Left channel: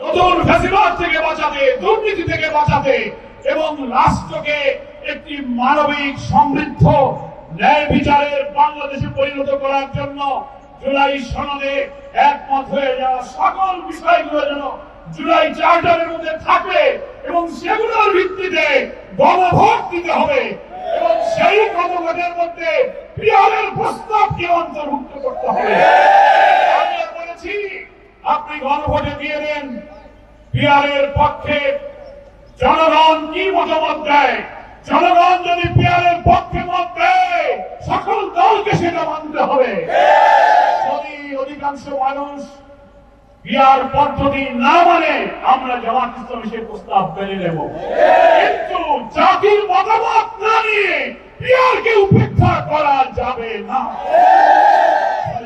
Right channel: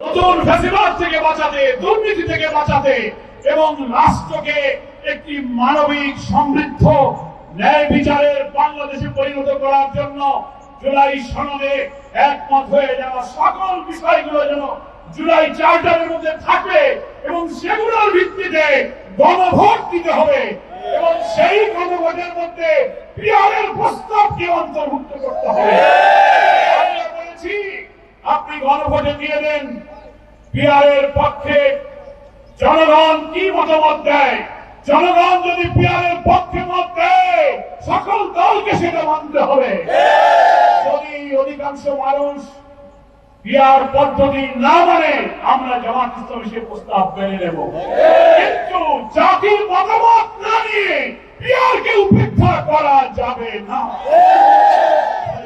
নতুন ফ্যাসিবাদ থেকে বাঁচাতে, দুর্নীতি থেকে বাঁচাতে এবং রাষ্ট্রকে একটি মানবিক সমৃদ্ধ ন্যায় বিচারের বাংলাদেশে পরিণত করার জন্য জুলাই সনদে একমত হয়ে যাওয়া সকল বিষয়গুলো যেন জুলাই চার্টারের মধ্যে থাকে এবং সেগুলোর ভিত্তিতে গণভোট দিতে হবে এবং সেই গণভোটের মধ্যে পিয়ারের প্রস্তাবকে অন্তর্ভুক্ত করতে হবে। আমরা বলেছি আপনি গণভোটে দিয়ে দেন, পিয়ারের পক্ষে জনগণ কি মতামত দেয়, জনগণ যদি পিয়ারের পক্ষে মত দেয় সকল দলকে সেটা মানতে হবে। যদি অধিকাংশ মানুষ পিয়ার পদ্ধতি না মানে আমরা জামাত ইসলামী সেই প্রস্তাব মেনে নেব, কিন্তু জাতির মতামত না নিয়ে পিয়ারকে উপেক্ষা করা যাবে না।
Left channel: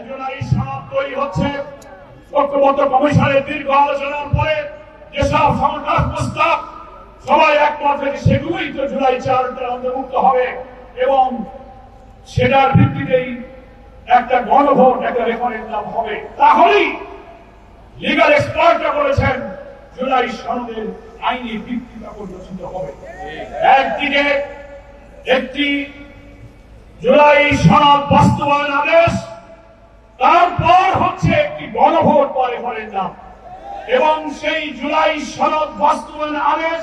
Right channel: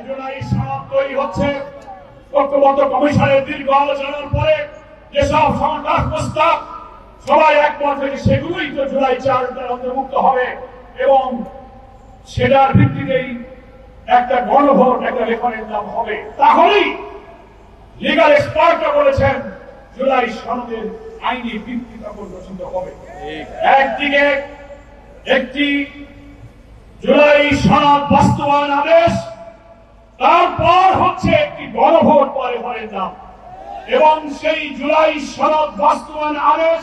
জুলাই সনদ তৈরি হচ্ছে, ঐক্যবদ্ধ কমিশনের দীর্ঘ আলোচনার পরে যেসব সমাধান প্রস্তাব সবাই একমত হয়ে সেগুলোই তো জুলাই চার্টার অন্তর্ভুক্ত হবে এবং সেটার ভিত্তিতেই একটা গণভোট, একটা রেফারেন্ডাম হবে। তাহলেই লিগাল এক্সপার্টরা বলেছেন জুলাই সনদের আইনি ভিত্তি তখন রচিত হবে। একদিকে একটি জুলাই সনদ বাস্তবায়ন আদেশ, তারপর হচ্ছে একটি গণভোট বা রেফারেন্ডাম এবং সেই জুলাই সনদ বাস্তবায়ন আদেশ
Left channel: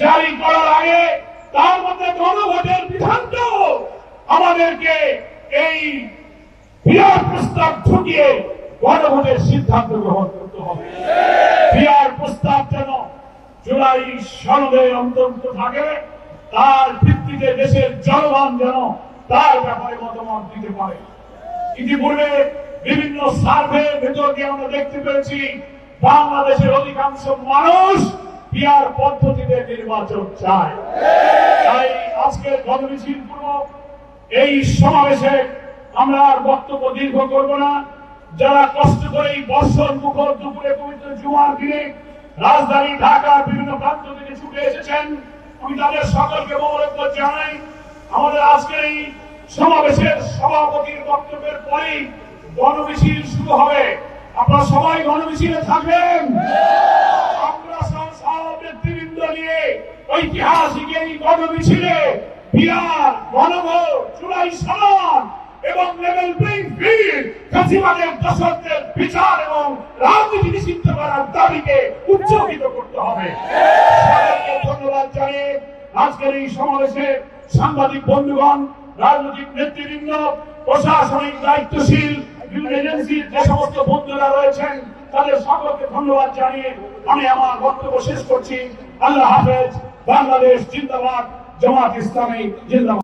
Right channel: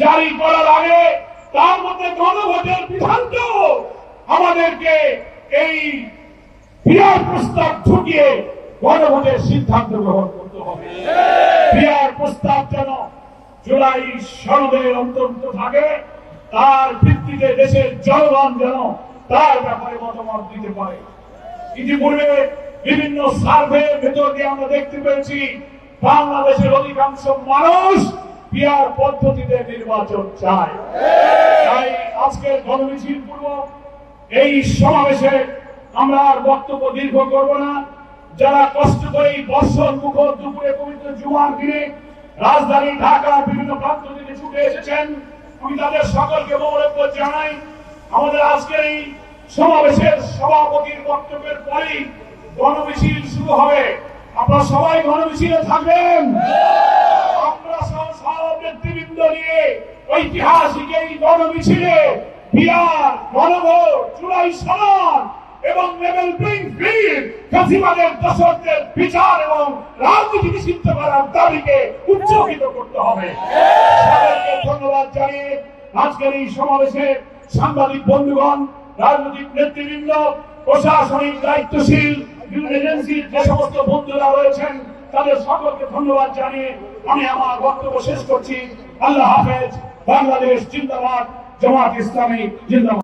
জারি করার আগে তার মধ্যে গণভোটের বিধানটাও আমাদেরকে এই পিয়ার প্রস্তাব ঢুকিয়ে গণভোটের সিদ্ধান্ত গ্রহণ করতে হবে। পিয়ার প্রস্তাব যেন জুলাই সনদের অন্তর্ভুক্ত থাকে, তার ভিত্তিতে দেশের জনগণ যেন তার ব্যাপারে মতামত দিতে পারে। ইতিপূর্বে বিভিন্ন সার্ভের ভেতর দিয়ে আমরা দেখতে পেয়েছি বাংলাদেশের অধিকাংশ মানুষ পিয়ার পদ্ধতিতে নির্বাচন চায়। তাই আজকের গণমিছিল পূর্বক এই সমাবেশে আমরা আর বক্তব্য দীর্ঘ করব না। যারা কষ্ট করে এই বর্ষণ মুখর দুপুরে পবিত্র জুমার দিনে রাজধানী ঢাকার বিভিন্ন প্রান্ত থেকে ছুটে এসেছেন, আমি তাদের সকলকে মোবারকবাদ জানাই। আমাদের আজকের এই সমাবেশের সভাপতির বক্তব্যের পরেই গণমিছিল শুরু হবে। আপনারা সবাই গণমিছিলে থাকবেন। আমরা সব নেতৃবৃন্দ নিয়ে ঐতিহাসিক এই গণমিছিলে পিয়ার, গণভোট, জুলাই সনদ এবং লেভেল প্লেইং ফিল্ড, ফ্যাসিবাদের দশকদের বিচার এবং রাজনীতি নিষিদ্ধ করার দাবিকে উজ্জীবিত করতে হবে। সবাইকে ধন্যবাদ জানিয়ে আজকের এই সমাবেশে সাংবাদিক বন্ধুগণ, রাজনৈতিক নেতৃবৃন্দ, প্রশাসনিক দায়িত্বশীল এজেন্সির যে সমস্ত বন্ধুরা রয়েছেন তাদের সকলকে ধন্যবাদ জানিয়ে আমি আমার বক্তব্য শেষ করছি। আল্লাহ হাফেজ। বাংলাদেশ জিন্দাবাদ, জামাত ইসলামী জিন্দাবাদ।